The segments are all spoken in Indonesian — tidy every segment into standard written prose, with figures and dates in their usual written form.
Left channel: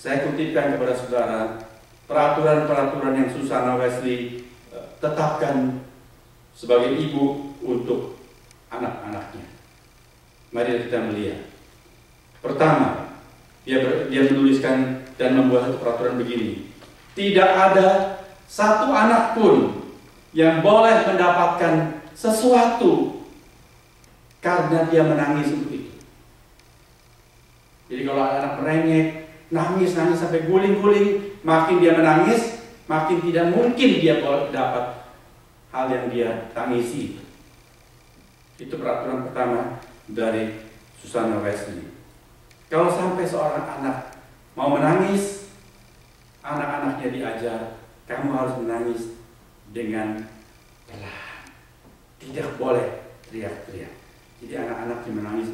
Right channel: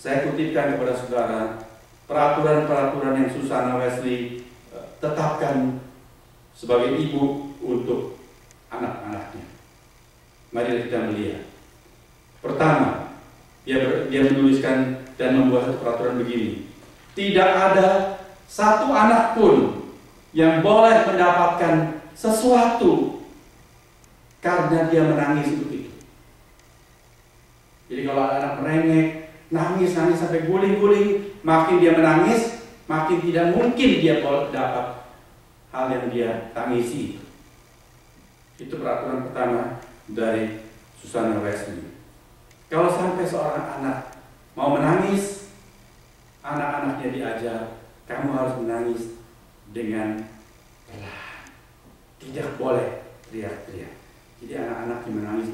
Saya kutipkan kepada saudara peraturan-peraturan yang Susana Wesley tetapkan sebagai ibu untuk anak-anaknya. Mari kita melihat. Pertama, dia menuliskan dan membuat peraturan begini. Tidak ada satu anak pun yang boleh mendapatkan sesuatu karena dia menangis untuk itu. Jadi kalau anak merengek, nangis sampai guling-guling, makin dia menangis, makin tidak mungkin dia dapat hal yang dia tangisi. Itu peraturan pertama dari Susana Wesley. Kalau sampai seorang anak mau menangis, anak-anaknya diajar, kamu harus menangis dengan pelan. Tidak boleh teriak-teriak. Jadi anak-anak yang menangis.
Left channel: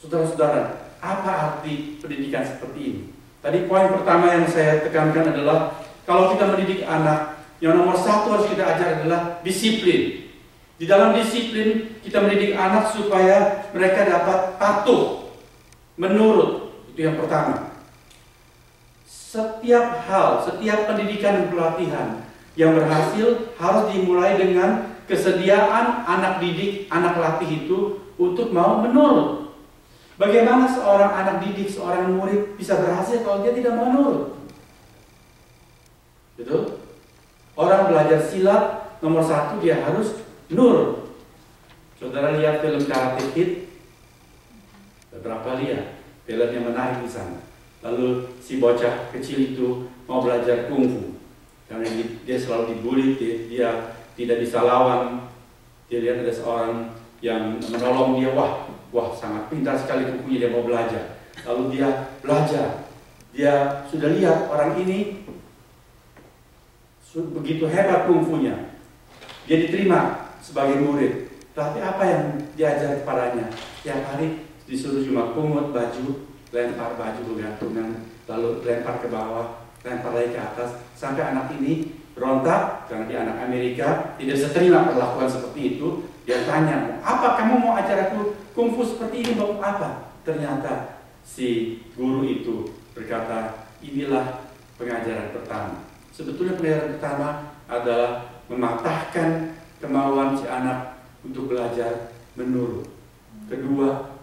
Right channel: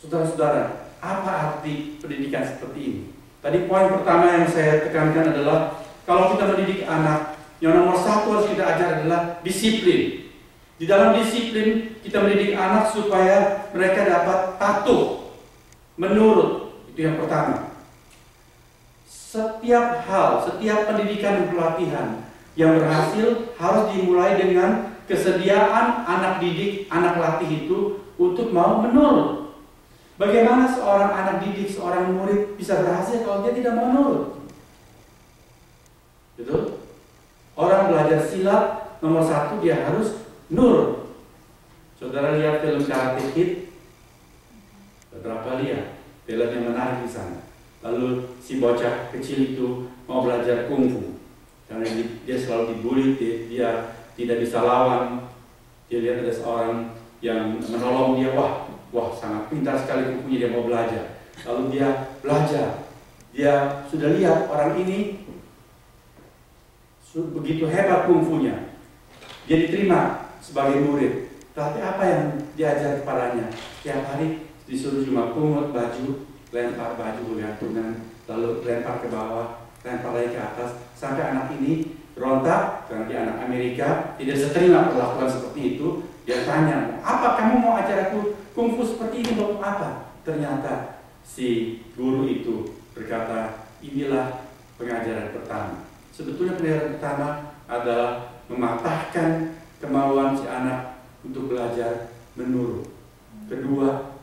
Saudara-saudara, apa arti pendidikan seperti ini? Tadi poin pertama yang saya tekankan adalah kalau kita mendidik anak, yang nomor satu harus kita ajar adalah disiplin. Di dalam disiplin kita mendidik anak supaya mereka dapat patuh, menurut. Itu yang pertama. Setiap hal, setiap pendidikan dan pelatihan yang berhasil harus dimulai dengan kesediaan anak didik, anak latih itu untuk mau menurut. Bagaimana seorang anak didik, seorang murid bisa berhasil kalau dia tidak mau menurut? Betul? Orang belajar silat, nomor satu dia harus nurut. Saudara lihat film Karate Kid? Beberapa lihat. Filmnya menarik di sana. Lalu si bocah kecil itu mau belajar kungfu. Karena dia selalu dibully, dia tidak bisa lawan. Dia lihat ada seorang yang menolong dia, wah sangat pintar sekali kungfunya, dia mau belajar. Lalu dia belajar. Dia sudah lihat orang ini begitu hebat kungfunya. Dia diterima sebagai murid. Tapi apa yang diajar kepadanya? Tiap hari disuruh cuma pungut baju, lempar baju bergantungan, lalu lempar ke bawah, lempar lagi ke atas, sampai anak ini berontak karena dia anak Amerika, tidak bisa terima perlakuan seperti itu. Dia tanya, apa kamu mau ajar aku kungfu seperti ini untuk apa? Ternyata si guru itu berkata, inilah pengajaran pertama. Sebetulnya pengajaran pertama adalah mematahkan kemauan si anak untuk belajar menurut. Kedua,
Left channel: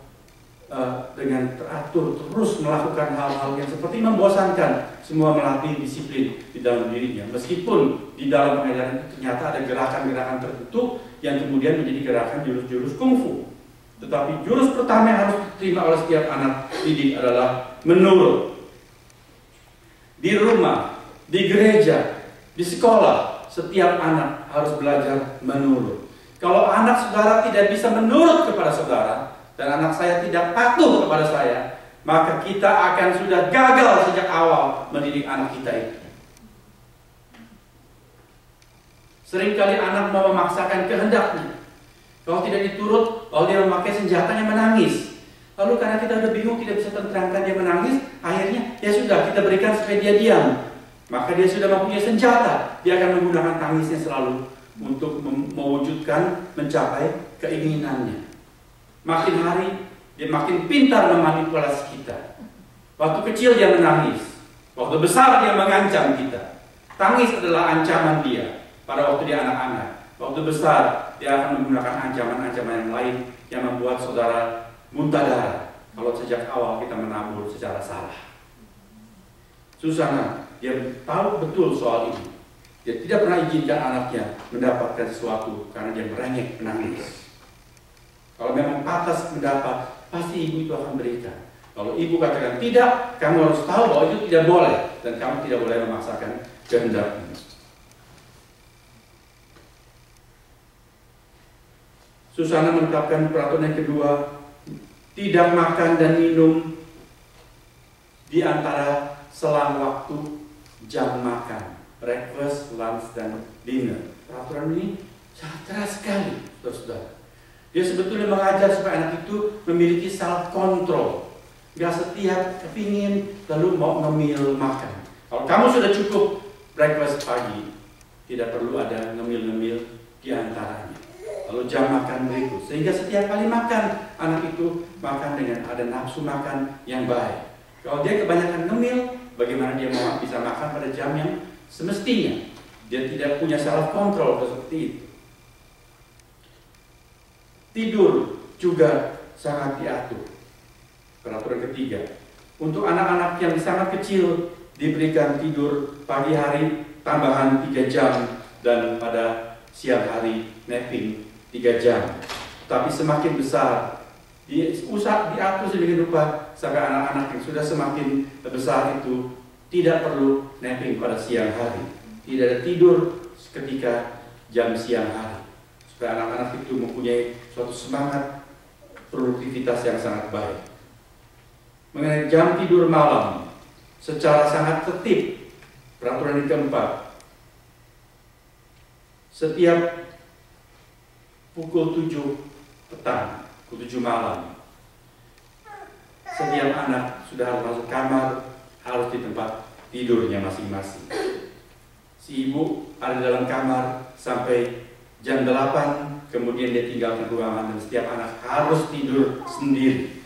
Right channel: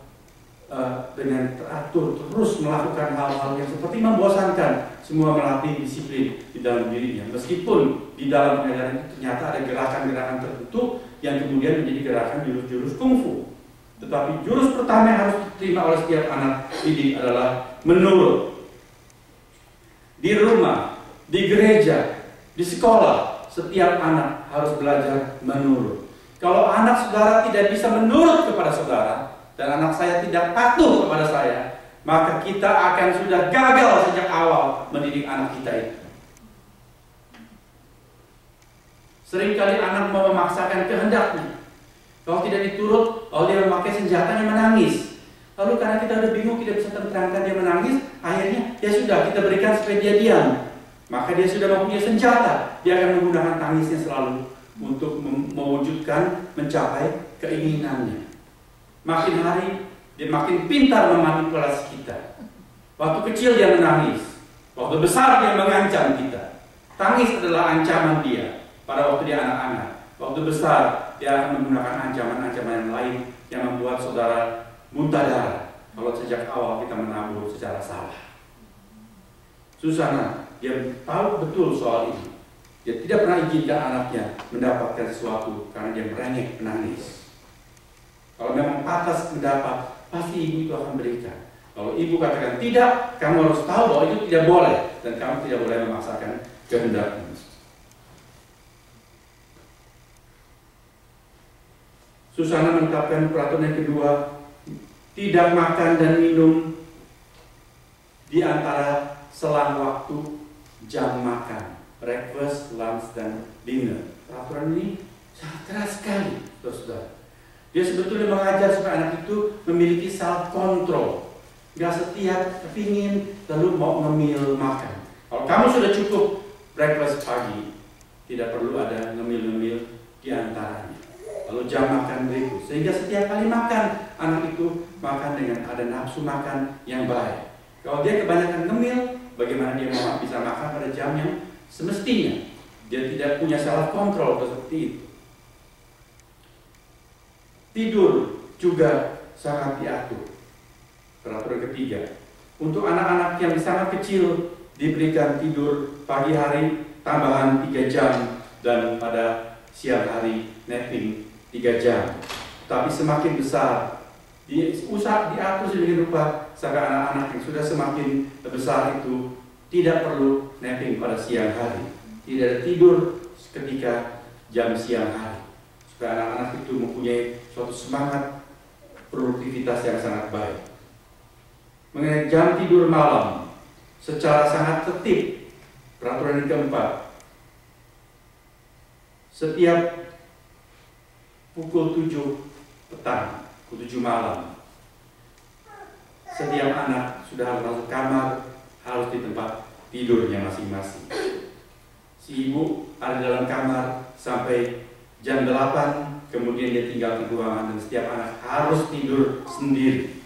dengan teratur terus melakukan hal-hal yang seperti membosankan, semua melatih disiplin di dalam dirinya. Meskipun di dalam pengajaran itu ternyata ada gerakan-gerakan tertentu yang kemudian menjadi gerakan jurus-jurus kungfu. Tetapi jurus pertama yang harus diterima oleh setiap anak didik adalah menurut. Di rumah, di gereja, di sekolah, setiap anak harus belajar menurut. Kalau anak saudara tidak bisa menurut kepada saudara, dan anak saya tidak patuh kepada saya, maka kita akan sudah gagal sejak awal mendidik anak kita itu. Seringkali anak mau memaksakan kehendaknya. Kalau tidak diturut, lalu dia memakai senjatanya menangis. Lalu karena kita udah bingung, tidak bisa terangkan dia menangis, akhirnya ya sudah kita berikan supaya dia diam. Maka dia sudah mempunyai senjata. Dia akan menggunakan tangisnya selalu untuk mewujudkan, mencapai keinginannya. Makin hari dia makin pintar memanipulasi kita. Waktu kecil dia menangis, waktu besar dia mengancam kita. Tangis adalah ancaman dia pada waktu dia anak-anak. Waktu besar dia akan menggunakan ancaman-ancaman yang lain yang membuat saudara muntah darah kalau sejak awal kita menabur secara salah. Susana, dia tahu betul soal ini. Dia tidak pernah izinkan anaknya mendapatkan sesuatu karena dia merengek, menangis. Kalau memang pantas mendapat, pasti ibu itu akan berikan. Kalau ibu katakan tidak, kamu harus tahu bahwa itu tidak boleh, dan kamu tidak boleh memaksakan kehendakmu. Susana menetapkan peraturan yang kedua, tidak makan dan minum di antara selang waktu jam makan, breakfast, lunch, dan dinner. Peraturan ini sangat keras sekali, saudara. Dia sebetulnya mengajar supaya anak itu memiliki self control. Gak setiap kepingin lalu mau ngemil makan. Kalau kamu sudah cukup breakfast pagi, tidak perlu ada ngemil-ngemil di antaranya. Lalu jam makan berikut. Sehingga setiap kali makan, anak itu makan dengan ada nafsu makan yang baik. Kalau dia kebanyakan ngemil, bagaimana dia mau bisa makan pada jam yang semestinya? Dia tidak punya self control seperti itu. Tidur juga sangat diatur. Peraturan ketiga, untuk anak-anak yang sangat kecil diberikan tidur pagi hari tambahan 3 jam dan pada siang hari napping 3 jam. Tapi semakin besar diatur sedemikian rupa sampai anak-anak yang sudah semakin besar itu tidak perlu napping pada siang hari, tidak ada tidur ketika jam siang hari, supaya anak-anak itu mempunyai suatu semangat produktivitas yang sangat baik. Mengenai jam tidur malam secara sangat tertib, peraturan yang keempat, setiap pukul 7 petang, pukul 7 malam, setiap anak sudah harus masuk kamar, harus di tempat tidurnya masing-masing. Si ibu ada di dalam kamar sampai jam 8, kemudian dia tinggalkan ruangan dan setiap anak harus tidur sendiri.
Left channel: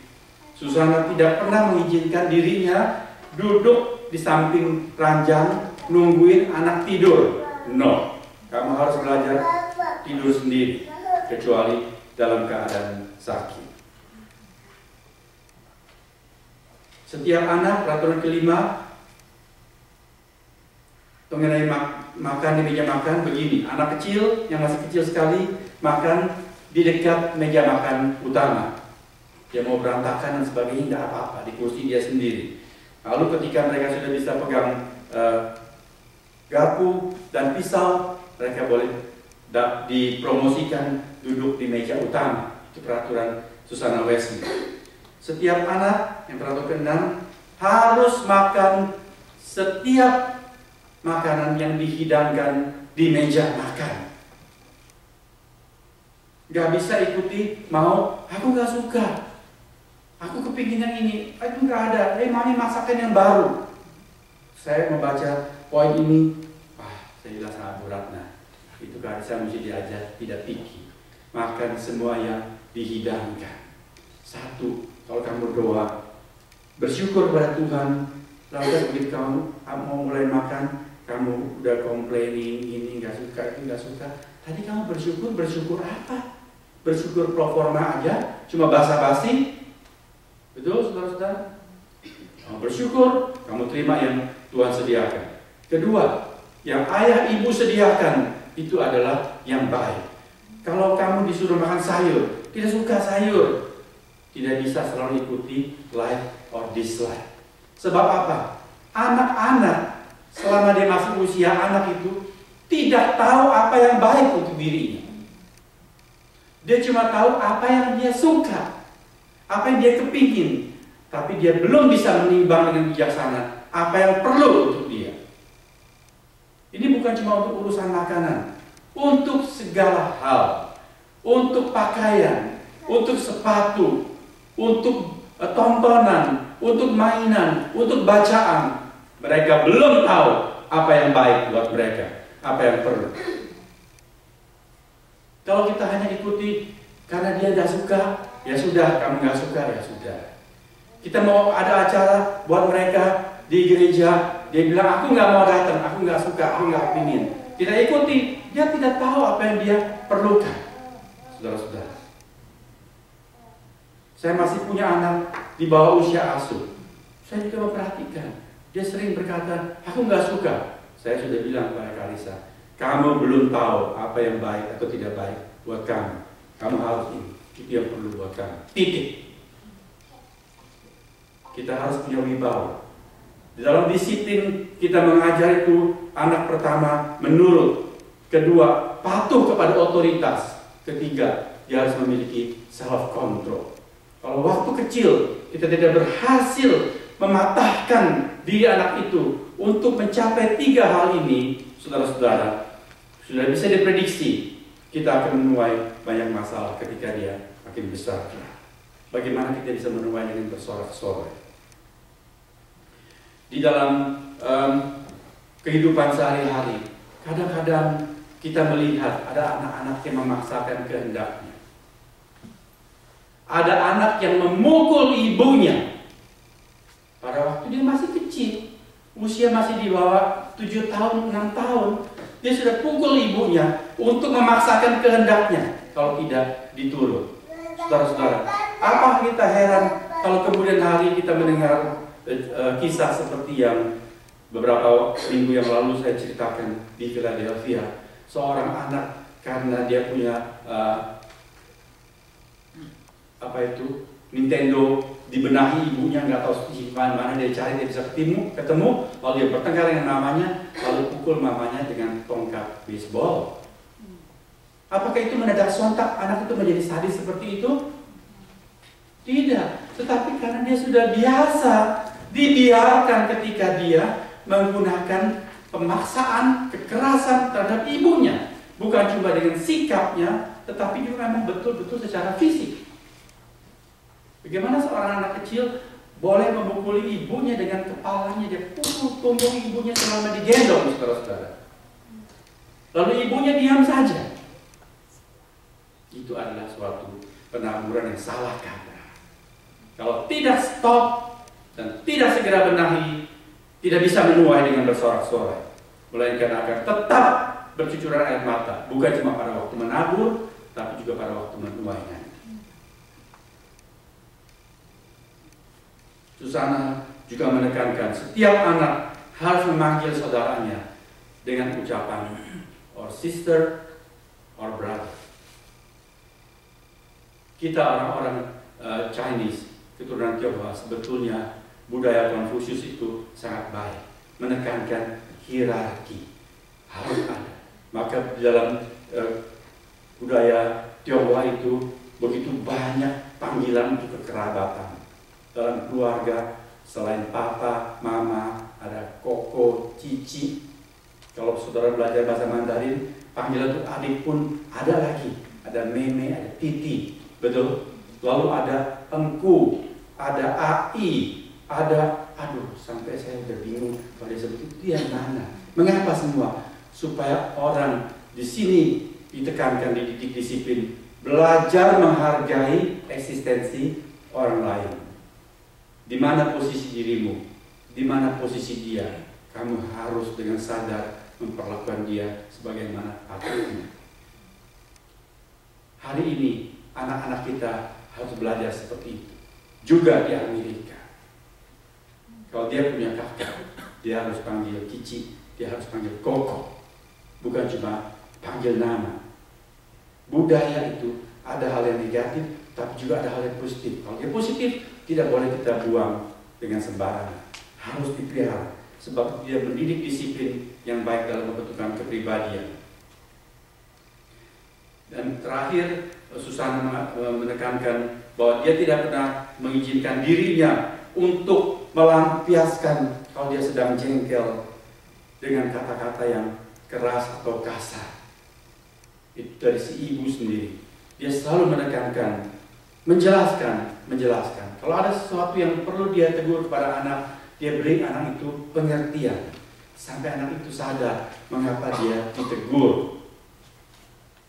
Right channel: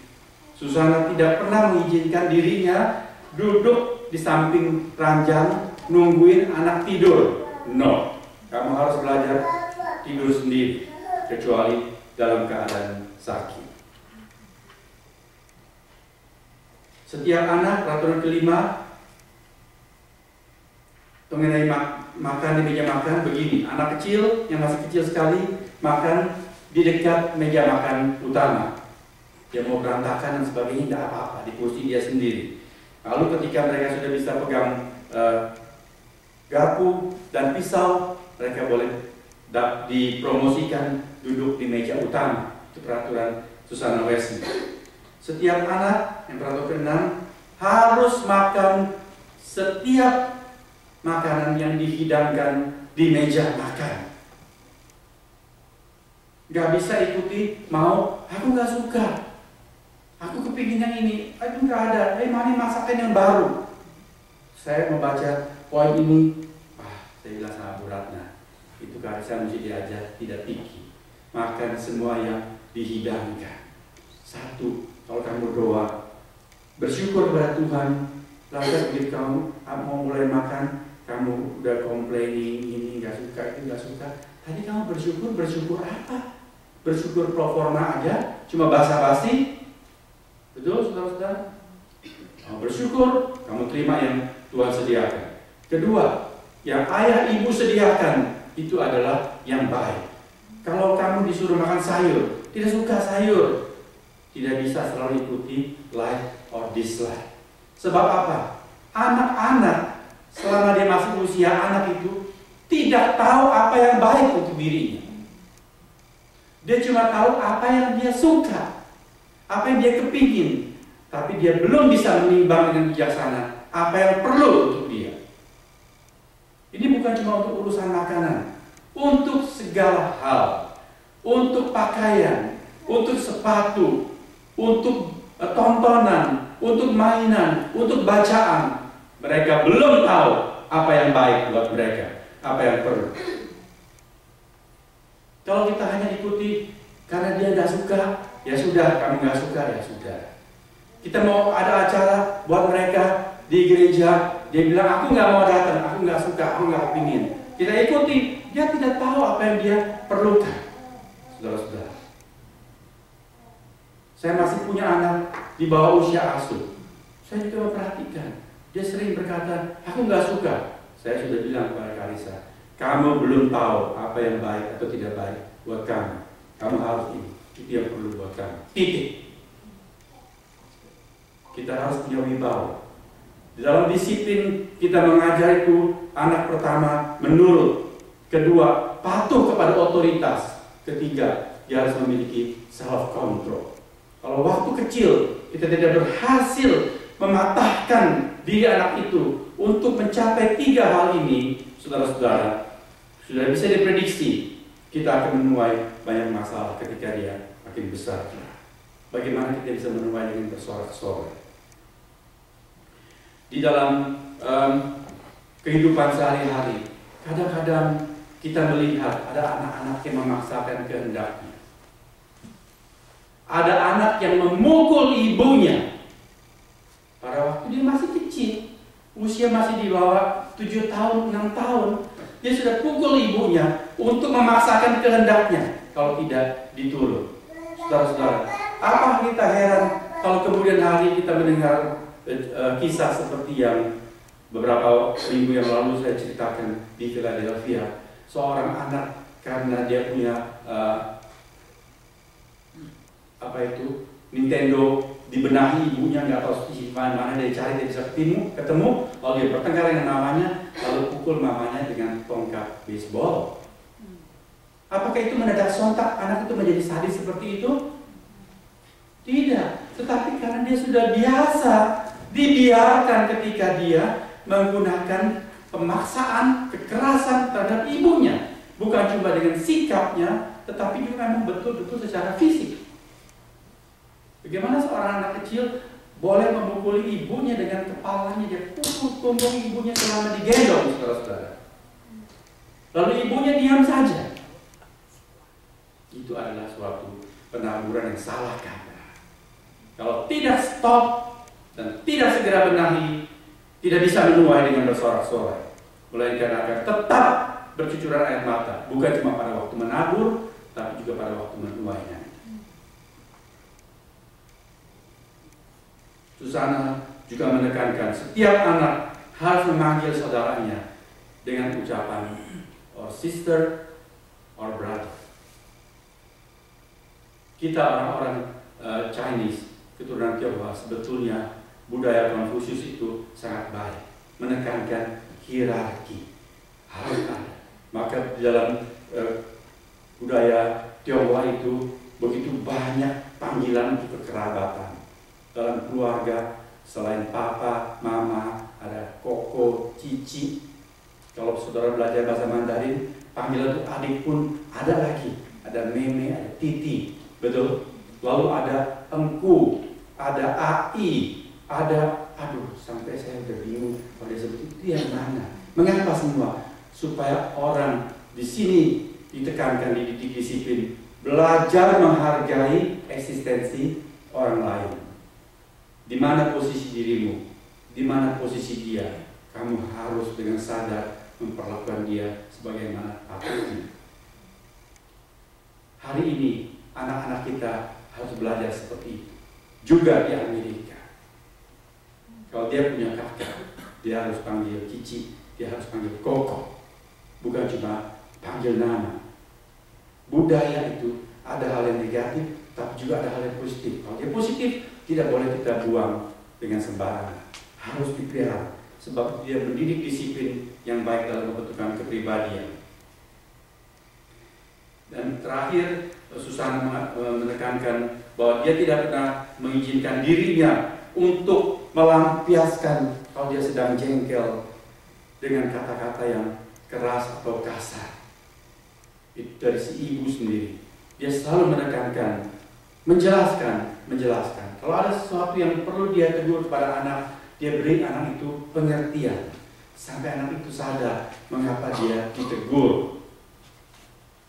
Susana tidak pernah mengizinkan dirinya duduk di samping ranjang nungguin anak tidur. No, kamu harus belajar tidur sendiri, kecuali dalam keadaan sakit. Setiap anak, peraturan kelima, mengenai makan di meja makan begini. Anak kecil yang masih kecil sekali makan di dekat meja makan utama. Dia mau berantakan dan sebagainya tidak apa-apa, di kursi dia sendiri. Lalu ketika mereka sudah bisa pegang garpu dan pisau, mereka boleh dipromosikan duduk di meja utama. Itu peraturan Susana Wesley. Setiap anak, yang peraturan ke-6, harus makan setiap makanan yang dihidangkan di meja makan. Gak bisa ikuti mau, aku gak suka, aku kepingin yang ini, itu gak ada, mami masakan yang baru. Saya membaca poin ini, saya bilang sama Bu Ratna, itu kan saya mesti diajar tidak picky, makan semua yang dihidangkan. Satu, kalau kamu berdoa, bersyukur kepada Tuhan, lalu begitu kamu mau mulai makan, kamu udah complaining, ini nggak suka, itu nggak suka. Tadi kamu bersyukur apa? Bersyukur pro forma aja, cuma basa-basi. Betul, saudara-saudara? Kamu bersyukur, kamu terima yang Tuhan sediakan. Kedua, yang ayah ibu sediakan itu adalah yang baik. Kalau kamu disuruh makan sayur, tidak suka sayur, tidak bisa selalu ikuti like or dislike. Sebab apa? Anak-anak selama dia masuk usia anak itu tidak tahu apa yang baik untuk dirinya. Dia cuma tahu apa yang dia suka, apa yang dia kepingin, tapi dia belum bisa menimbang dengan bijaksana apa yang perlu untuk dia. Ini bukan cuma untuk urusan makanan, untuk segala hal, untuk pakaian, untuk sepatu, untuk tontonan, untuk mainan, untuk bacaan. Mereka belum tahu apa yang baik buat mereka, apa yang perlu. Kalau kita hanya ikuti karena dia nggak suka, ya sudah, kamu nggak suka, ya sudah. Kita mau ada acara buat mereka di gereja, dia bilang aku nggak mau datang, aku nggak suka, aku nggak ingin. Kita ikuti, dia tidak tahu apa yang dia perlukan. Saudara-saudara, saya masih punya anak di bawah usia asuh. Saya juga memperhatikan. Dia sering berkata, aku nggak suka. Saya sudah bilang kepada Kalisa, kamu belum tahu apa yang baik atau tidak baik buat kamu. Kamu harus ini, itu yang perlu buat kamu. Titik. Kita harus punya wibawa. Di dalam disiplin kita mengajar itu, anak pertama menurut, kedua patuh kepada otoritas, ketiga dia harus memiliki self control. Kalau waktu kecil kita tidak berhasil mematahkan diri anak itu untuk mencapai 3 hal ini, saudara-saudara, sudah bisa diprediksi kita akan menuai banyak masalah ketika dia makin besar. Bagaimana kita bisa menuai dengan bersorak-sorai? Di dalam kehidupan sehari-hari, kadang-kadang kita melihat ada anak-anak yang memaksakan kehendaknya. Ada anak yang memukul ibunya. Pada waktu usia masih di bawah 7 tahun, 6 tahun, dia sudah pukul ibunya untuk memaksakan kehendaknya kalau tidak diturut. Saudara-saudara, apa kita heran kalau kemudian hari kita mendengar kisah seperti yang beberapa minggu yang lalu saya ceritakan di Philadelphia. Seorang anak karena dia punya Nintendo, dibenahi ibunya, nggak tahu di mana dia cari, dia bisa ketemu, lalu dia bertengkar dengan mamanya, lalu pukul mamanya dengan tongkat baseball. Apakah itu mendadak sontak anak itu menjadi sadis seperti itu? Tidak, tetapi karena dia sudah biasa, dibiarkan ketika dia menggunakan pemaksaan, kekerasan terhadap ibunya. Bukan cuma dengan sikapnya, tetapi juga memang betul-betul secara fisik. Bagaimana seorang anak kecil boleh memukuli ibunya dengan kepalanya, dia pukul punggung ibunya selama digendong, saudara-saudara. Lalu ibunya diam saja. Itu adalah suatu penaburan yang salah kata. Kalau tidak stop dan tidak segera benahi, tidak bisa menuai dengan bersorak-sorai, melainkan akan tetap bercucuran air mata, bukan cuma pada waktu menabur, tapi juga pada waktu menuainya. Susana juga menekankan setiap anak harus memanggil saudaranya dengan ucapan or sister or brother. Kita orang-orang Chinese keturunan Tionghoa, sebetulnya budaya Konfusius itu sangat baik, menekankan hierarki harus ada. Maka di dalam budaya Tionghoa itu begitu banyak panggilan untuk kekerabatan. Dalam keluarga selain papa, mama, ada koko, cici. Kalau saudara belajar bahasa Mandarin, panggilan untuk adik pun ada lagi. Ada meme, ada titi, betul? Lalu ada engku, ada ai, ada, sampai saya udah bingung kalau dia sebut itu yang mana. Mengapa semua? Supaya orang di sini ditekankan, dididik disiplin, belajar menghargai eksistensi orang lain. Di mana posisi dirimu, di mana posisi dia, kamu harus dengan sadar memperlakukan dia sebagaimana patutnya. Hari ini anak-anak kita harus belajar seperti itu. Juga di Amerika, kalau dia punya kakak, dia harus panggil cici, dia harus panggil koko, bukan cuma panggil nama. Budaya itu ada hal yang negatif, tapi juga ada hal yang positif. Kalau dia positif, tidak boleh kita buang dengan sembarangan. Harus dipelihara, sebab dia mendidik disiplin yang baik dalam pembentukan kepribadian. Dan terakhir, Susana menekankan bahwa dia tidak pernah mengizinkan dirinya untuk melampiaskan kalau dia sedang jengkel dengan kata-kata yang keras atau kasar. Itu dari si ibu sendiri. Dia selalu menekankan, menjelaskan. Kalau ada sesuatu yang perlu dia tegur kepada anak, dia beri anak itu pengertian. Sampai anak itu sadar mengapa dia ditegur,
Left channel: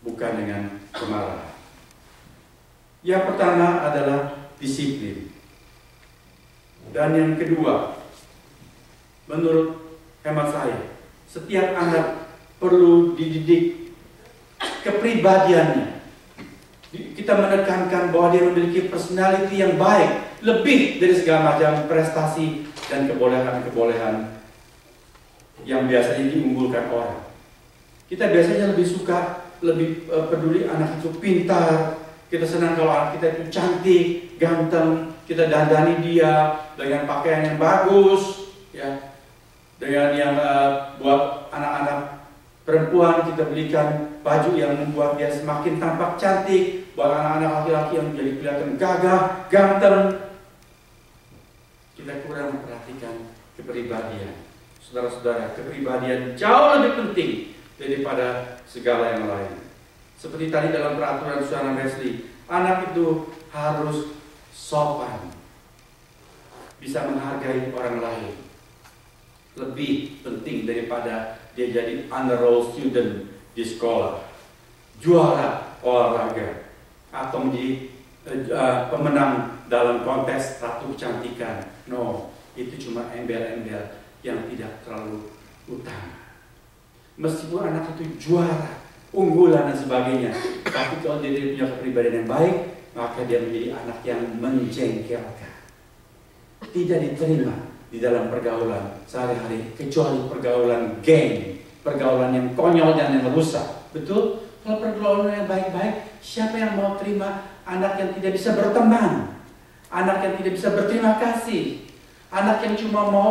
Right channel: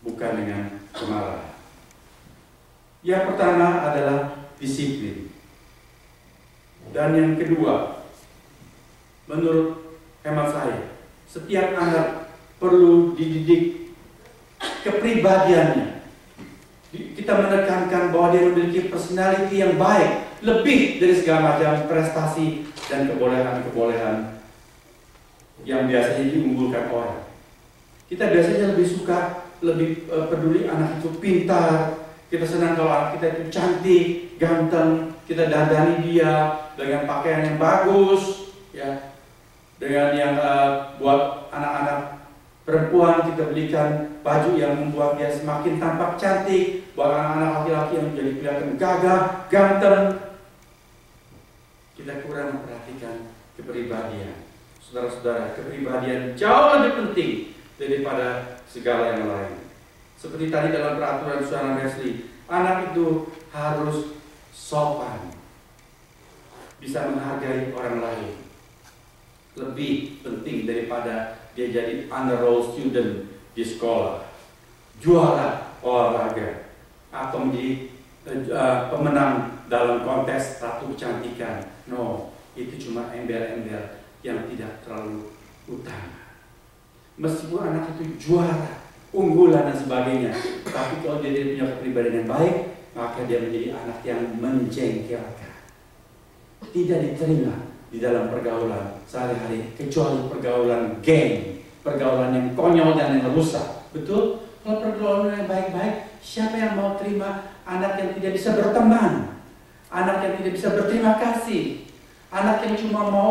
bukan dengan kemarahan. Yang pertama adalah disiplin. Dan yang kedua, menurut hemat saya, setiap anak perlu dididik kepribadiannya. Kita menekankan bahwa dia memiliki personality yang baik, lebih dari segala macam prestasi dan kebolehan-kebolehan yang biasanya diunggulkan orang. Kita biasanya lebih peduli anak itu pintar. Kita senang kalau anak kita itu cantik, ganteng. Kita dandani dia dengan pakaian yang bagus, ya. Dengan yang buat anak-anak perempuan kita belikan baju yang membuat dia semakin tampak cantik. Buat anak-anak laki-laki yang menjadi kelihatan gagah, ganteng. Kita kurang memperhatikan kepribadian. Saudara-saudara, kepribadian jauh lebih penting daripada segala yang lain. Seperti tadi dalam peraturan Susana Wesley, anak itu harus sopan, bisa menghargai orang lain. Lebih penting daripada dia jadi honor roll student di sekolah, juara olahraga, atau menjadi pemenang dalam kontes ratu kecantikan. No, itu cuma embel-embel. yang tidak terlalu utama. Meskipun anak itu juara, unggulan dan sebagainya, tapi kalau dia punya kepribadian yang baik, maka dia menjadi anak yang menjengkelkan, tidak diterima di dalam pergaulan sehari-hari, kecuali pergaulan geng, pergaulan yang konyol dan yang rusak. Betul? Kalau pergaulan yang baik-baik, siapa yang mau terima anak yang tidak bisa berteman, anak yang tidak bisa berterima kasih, anak yang cuma mau